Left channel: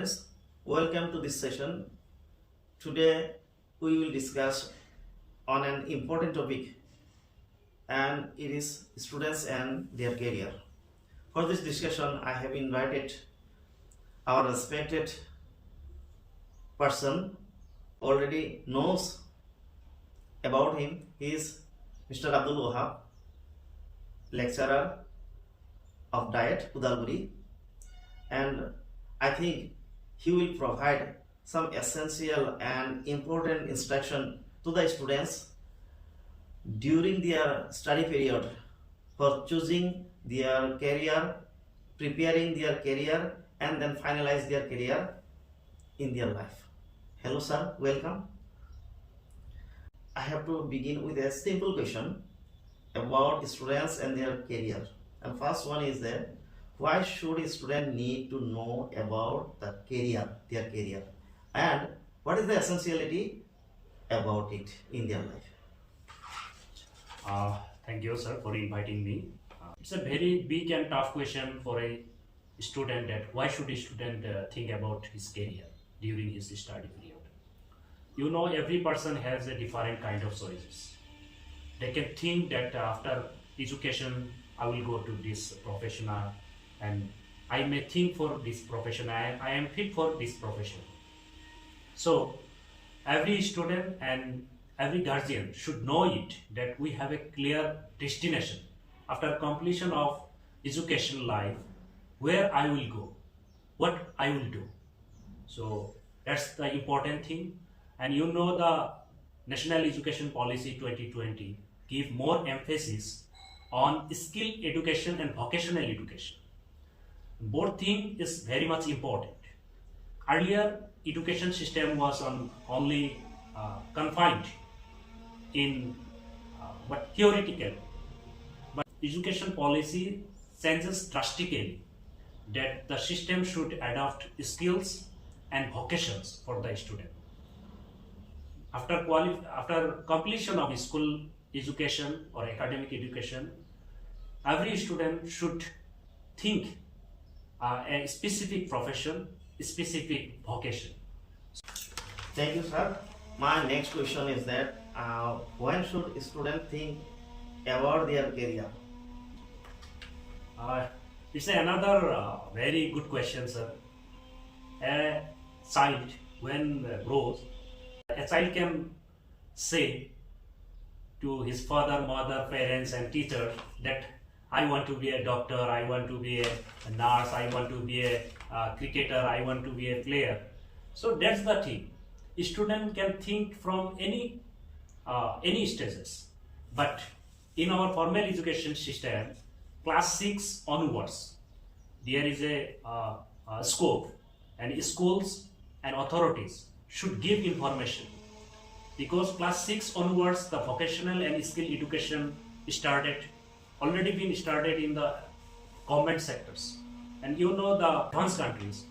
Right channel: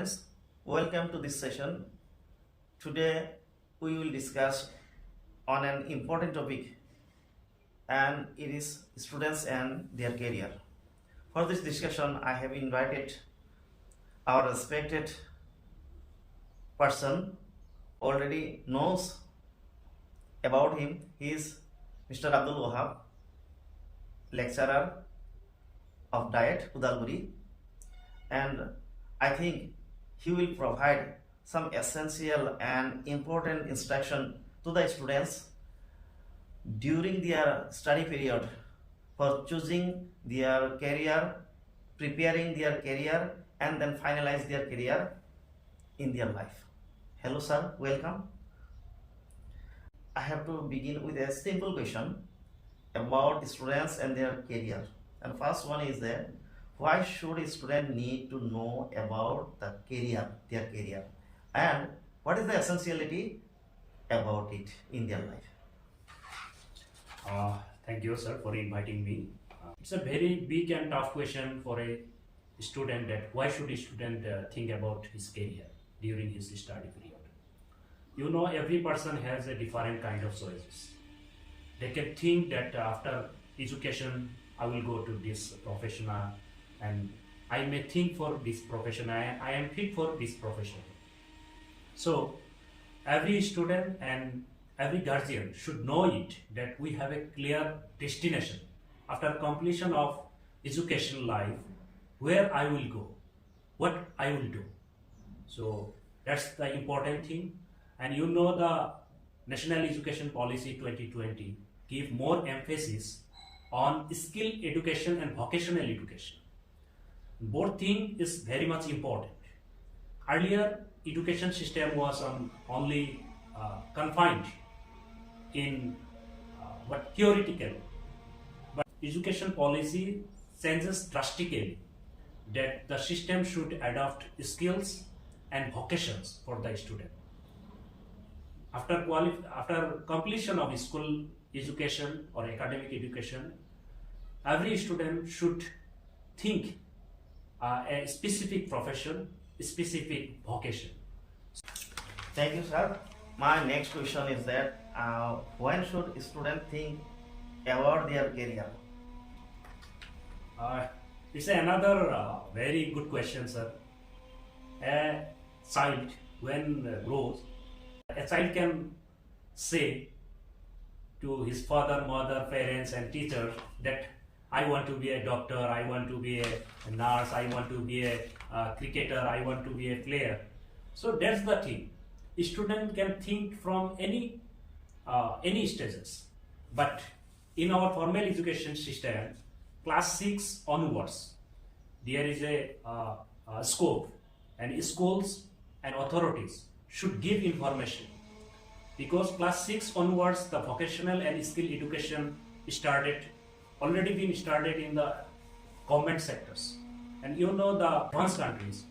students, welcome to this session. Today we will discuss on an important topic, and it is students and their career. For this discussion I have invited our respected person, already knows about him. He is Mr. Abdul Wahab, lecturer of Diet, Udalguri, and I think he will provide some essential and important instruction to the students during their study period for choosing their career, preparing their career, and then finalize their career in their life. Hello sir, welcome. I have to begin with a simple question about students and their career. And first one is that why should a student need to know about the career, their career, and what is the essentiality about it in their life? Thank you, sir, for inviting me. It's a very big and tough question for a student, that why should a student think about his career during his study period. You know, every person has a different kind of choices. They can think that after education I will go to this professional, and I may think for this profession, I am fit for this profession. So every student and every guardian should know it, that we have a clear destination after completion of education life, where I will go, what I will do. So that's the important thing. And you know, the National Education Policy 2020 give more emphasis on skill education and vocational education. Both thing is very much important. Earlier, education system was only confined in but theoretical. But education policy changes drastically, that the system should adopt skills and vocations for the student. After completion of school education or academic education, every student should think a specific profession, specific vocation. Thank you, sir. My next question is that when should a student think about their career? It's another very good question, sir. A child, when grows, a child can say to his father, mother, parents and teachers that I want to be a doctor, I want to be a nurse, I want to be a cricketer, I want to be a player. So that's the thing. A student can think from any stages. But in our formal education system, class 6 onwards, there is a scope, and schools and authorities should give information, because class 6 onwards the vocational and skill education already been started in the government sectors. And you know, the advanced countries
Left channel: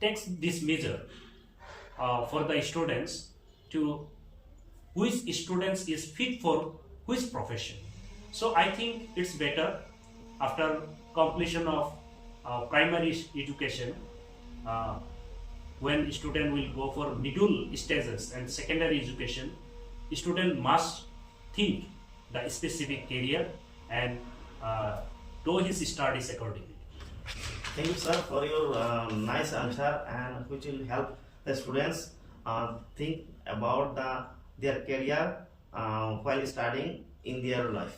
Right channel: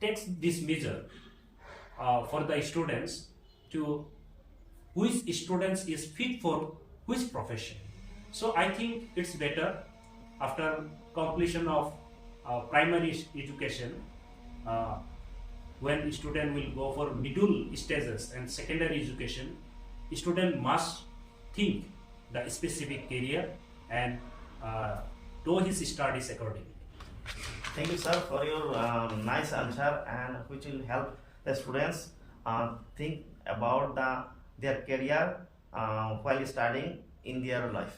takes this measure for the students to which students is fit for which profession. So I think it's better after completion of primary education, when student will go for middle stages and secondary education, student must think the specific career and do his studies accordingly. Thank you, sir, for your nice answer, and which will help the students think about their career while studying in their life.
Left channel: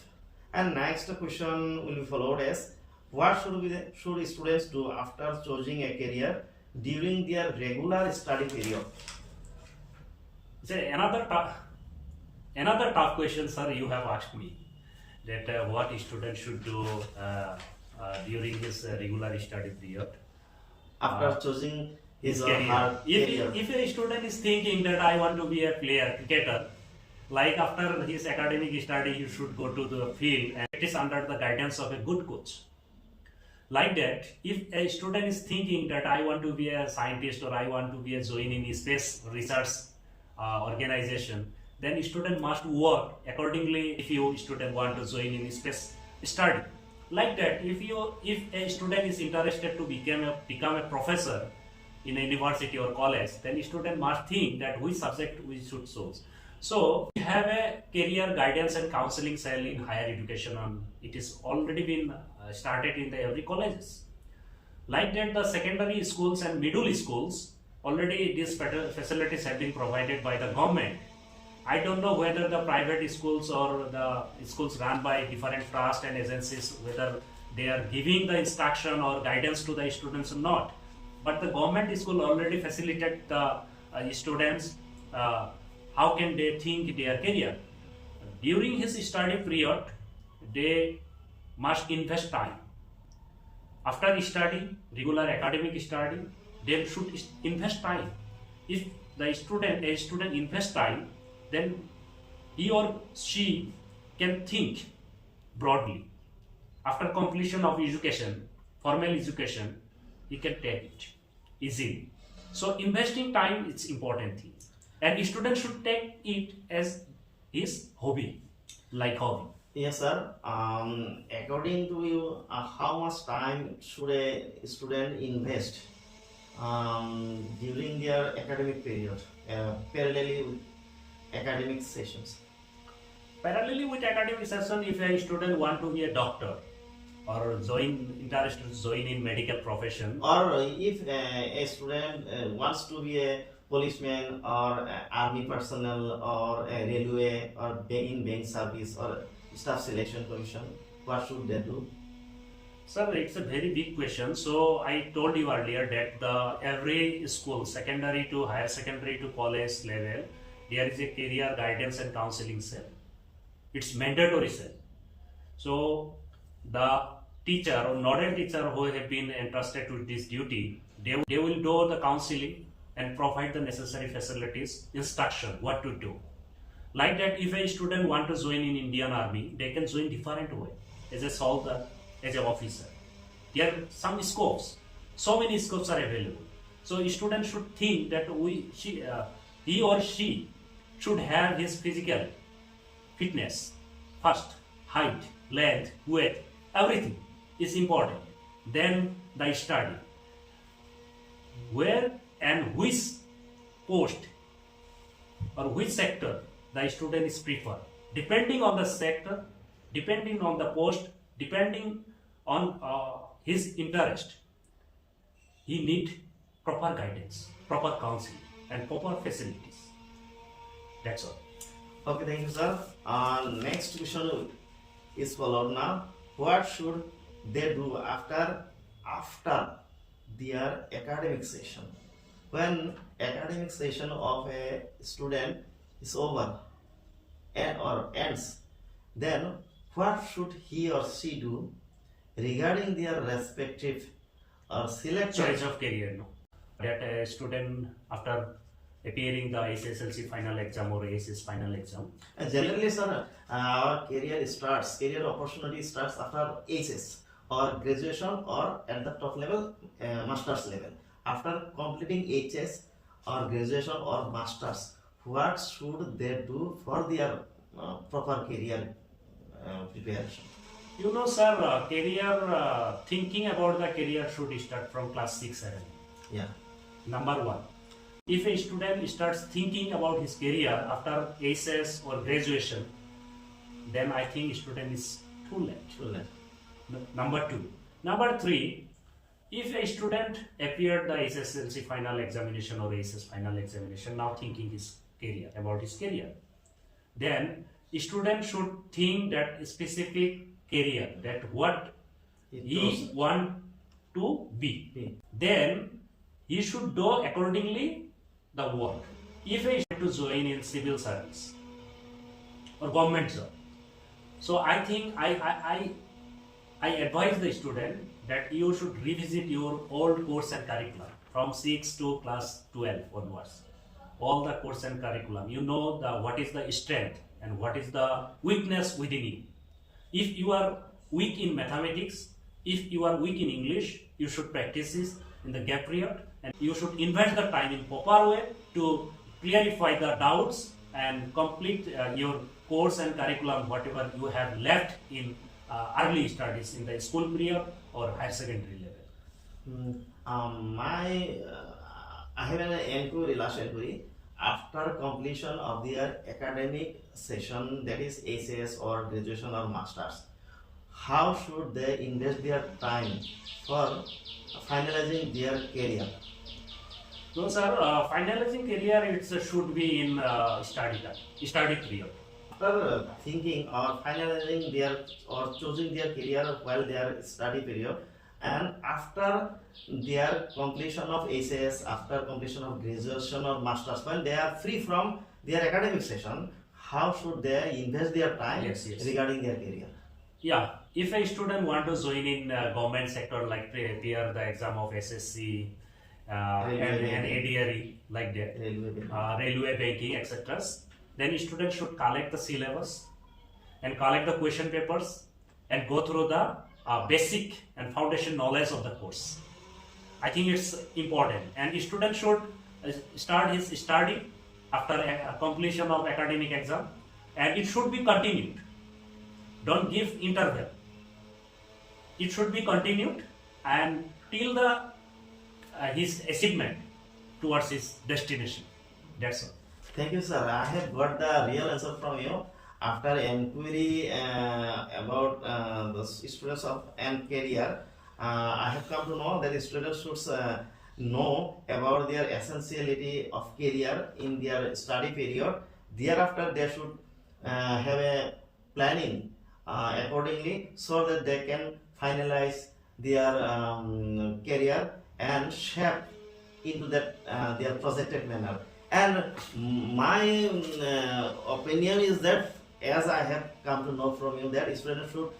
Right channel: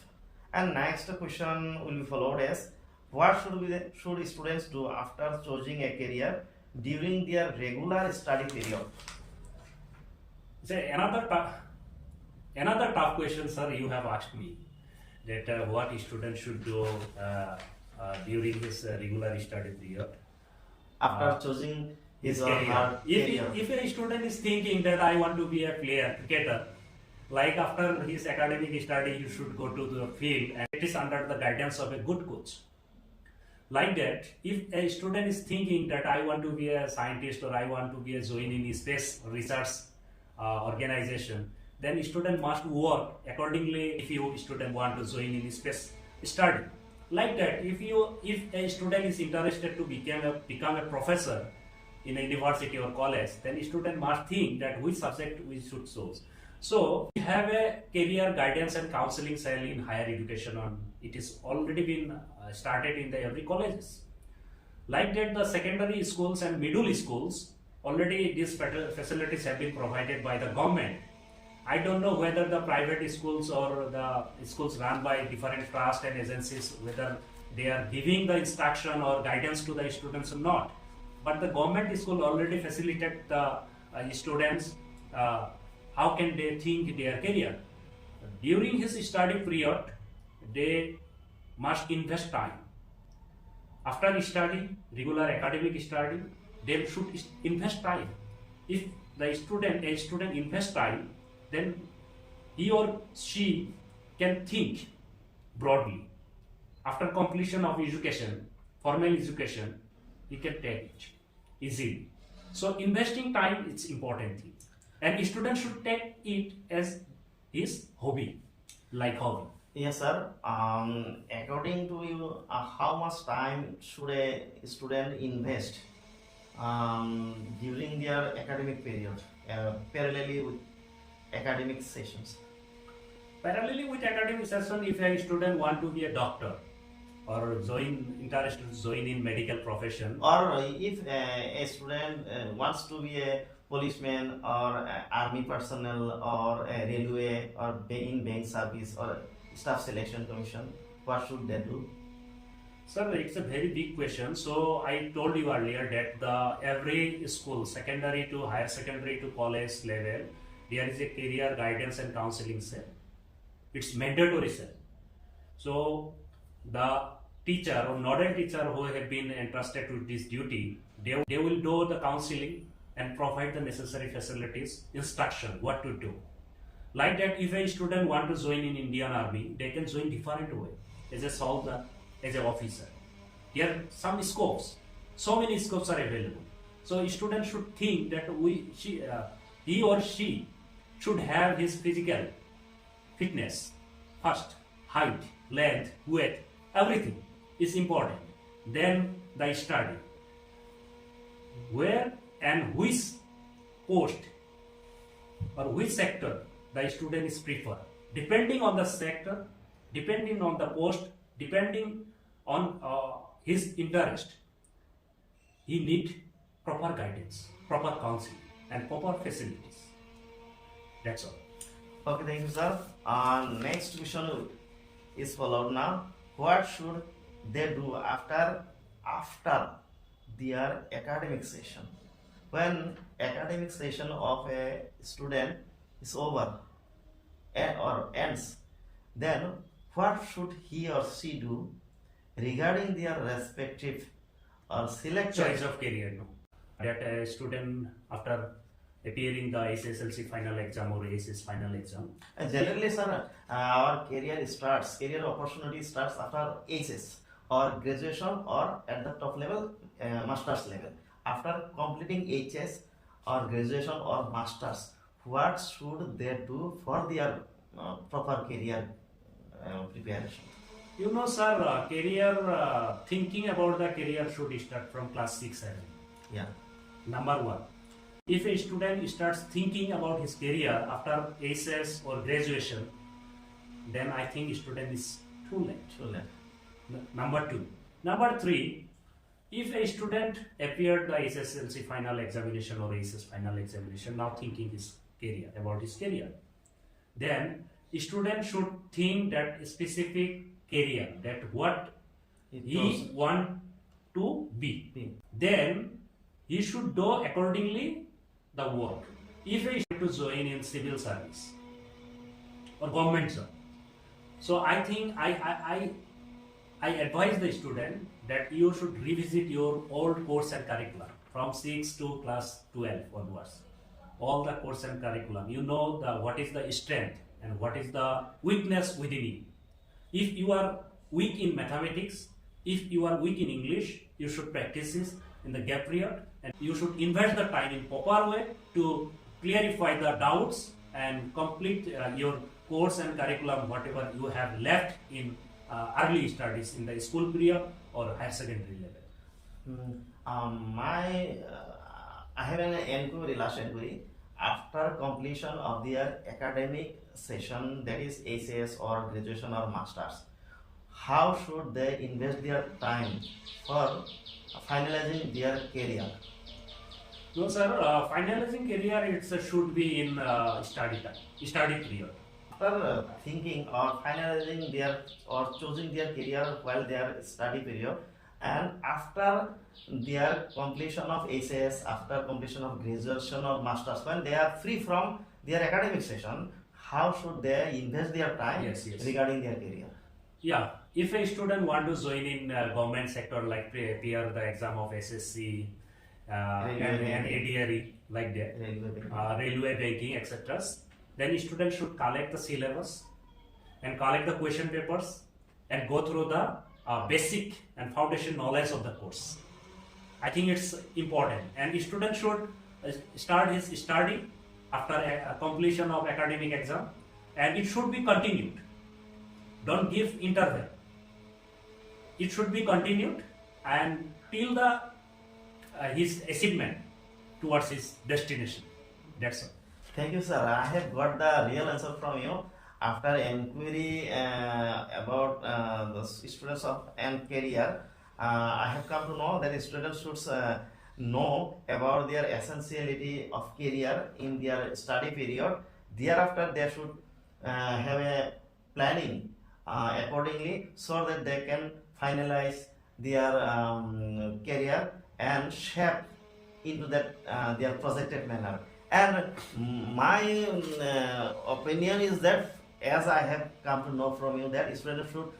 And next question will be followed as what should students do after choosing a career during their regular study period? Another tough question, sir, you have asked me, that what a student should do during his regular study period after choosing his career. If a student is thinking that I want to be a player, cricketer, like after his academic study, you should go to the field and practice under the guidance of a good coach. Like that, if a student is thinking that I want to be a scientist or I want to be a join in space research organization, then student must work accordingly. If you student want to join in space study, like that, if a student is interested to become a professor, in a university or college, then student must think that which subject we should choose. So we have a career guidance and counseling cell in higher education on it is already been started in the every colleges. Like that, the secondary schools and middle schools already these facilities have been provided by the government. I don't know whether the private schools or the schools run by different trust and agencies, whether they are giving the instruction or guidance to the students or not. But the government school already facilitate the students how can they think their career. During his study period, they must invest time. After study, regular academic study, they should invest time. If a student invests time, then he or she can think broadly. After completion of education, formal education, he can take it easily. So investing time is important thing, and student should take it as his hobby, like hobby. Yes, sir. According to you, how much time should a student invest during their academic period, parallelly with academic sessions? Parallelly with academic session, if a student want to be a doctor or interested to join in medical profession, or if a student wants to be a policeman or army personnel or a railway or in bank service or staff selection commission, what should they do? Sir, it's a very big question. So I told you earlier that the every school, secondary to higher secondary to college level, there is a career guidance and counseling cell. It's mandatory cell. So the teacher or nodal teacher who have been entrusted with this duty, they will do the counseling and provide the necessary facilities, instruction, what to do. Like that, if a student want to join in Indian Army, they can join different way as a soldier, as an officer. There are some scopes, so many scopes are available. So a student should think that he or she should have his physical fitness first, height, length, weight, everything is important. Then the study, where and which post or which sector the student is preferred. Depending on the sector, depending on the post, depending on his interest, he need proper guidance, proper counseling, and proper facilities. That's all. Okay, thank you, sir. Next question is followed now. What should they do after their academic session? When academic session of a student is over or ends, then what should he or she do regarding their respective or selected Choice of career, no. That a student after appearing the SSLC final exam or ASS final exam. Generally, sir, our career opportunity starts after HS or graduation or at the top level, master's level. After completing HS or graduation or masters, what should they do for their proper career preparation? You know, sir, thinking about the career should start from class 6, 7. Yeah. Number one, if a student starts thinking about his career after SS or graduation, then I think student is too late. Number two. Number three, if a student appeared the SSLC final examination or SS final examination, now thinking about his career, then a student should think that specific career, that what he want to be. Then he should do accordingly the work. If he to join in civil service or government job, so I think I advise the student that you should revisit your old course and curriculum from 6 to class 12 onwards. All the course and curriculum, you know what is the strength and what is the weakness within you. If you are weak in mathematics, if you are weak in English, you should practice this in the gap period, and you should invest the time in proper way to clarify the doubts and complete your course and curriculum, whatever you have left in early studies in the school period or higher secondary level. I have an inquiry, last inquiry. After completion of their academic session, that is HAS or graduation or masters, how should they invest their time for finalizing their career? No, sir. Finalizing career, it should be in study period. After thinking or finalizing their or choosing their career while their study period, and after their completion of HAS, after completion of graduation or masters, when they are free from their academic session, how should they invest their time Yes, yes. regarding their career? Yeah, if a student want to join in government sector, like appear the exam of SSC and ADRE like that, railway banking, etc., then student should collect the syllabus and collect the question papers and go through the basic and foundation knowledge of the course. I think it's important, and student should start his study after completion of academic exam, and it should be continued. Don't give interval. It should be continued and till the his achievement towards his destination. That's all. Thank you, sir. I have got the real answer from you. After inquiry about the students of and career, I have come to know that students should know about their essentiality of career in their study period. Thereafter, they should have a planning accordingly so that they can finalize their career and shape into that their projected manner. And my opinion is that, as I have come to know from you, that students should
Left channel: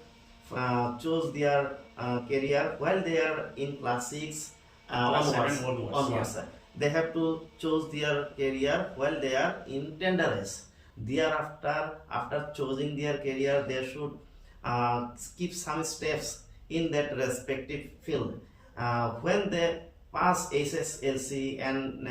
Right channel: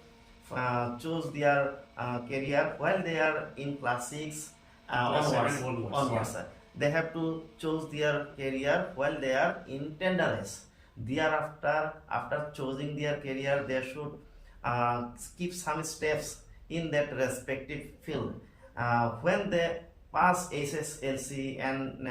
choose their career while they are in class 6 Class onwards. yeah. They have to choose their career while they are in tender age. Thereafter, after choosing their career, they should skip some steps in that respective field. When they pass SSLC, and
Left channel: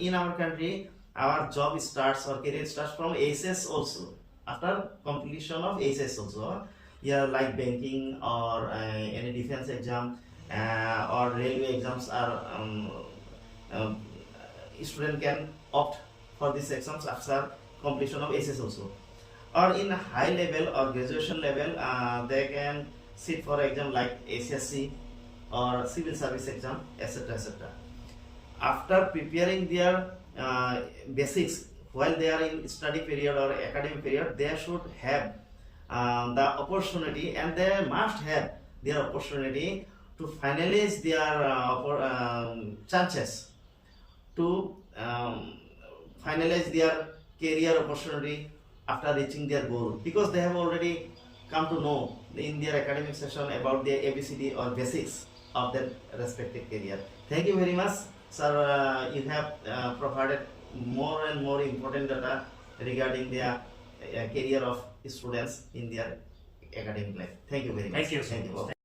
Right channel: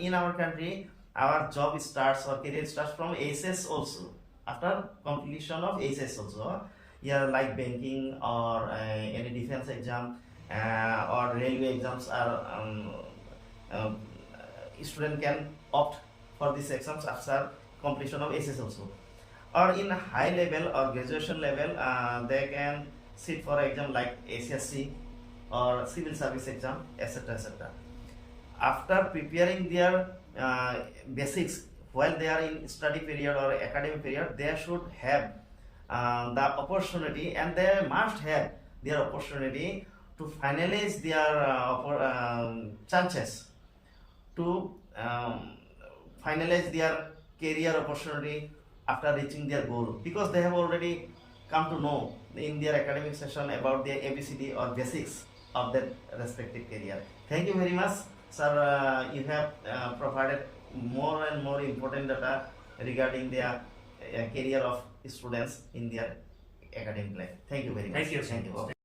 in our country, our job starts or career starts from SS also. After completion of SS also, yeah, like banking or any defense exam or railway exams are student can opt for these exams after completion of SS also. Or in high level or graduation level, they can sit for exam like SSC or civil service exam, etc., etc. After preparing their basics while they are in study period or academic period, they should have the opportunity, and they must have their opportunity to finalize their chances to finalize their career opportunity after reaching their goal, because they have already come to know in their academic session about their ABCD or basics of that respective career. Thank you very much, sir. You have provided more and more important data regarding the career of students in their academic life. Thank you very much. Thank you. Thank you.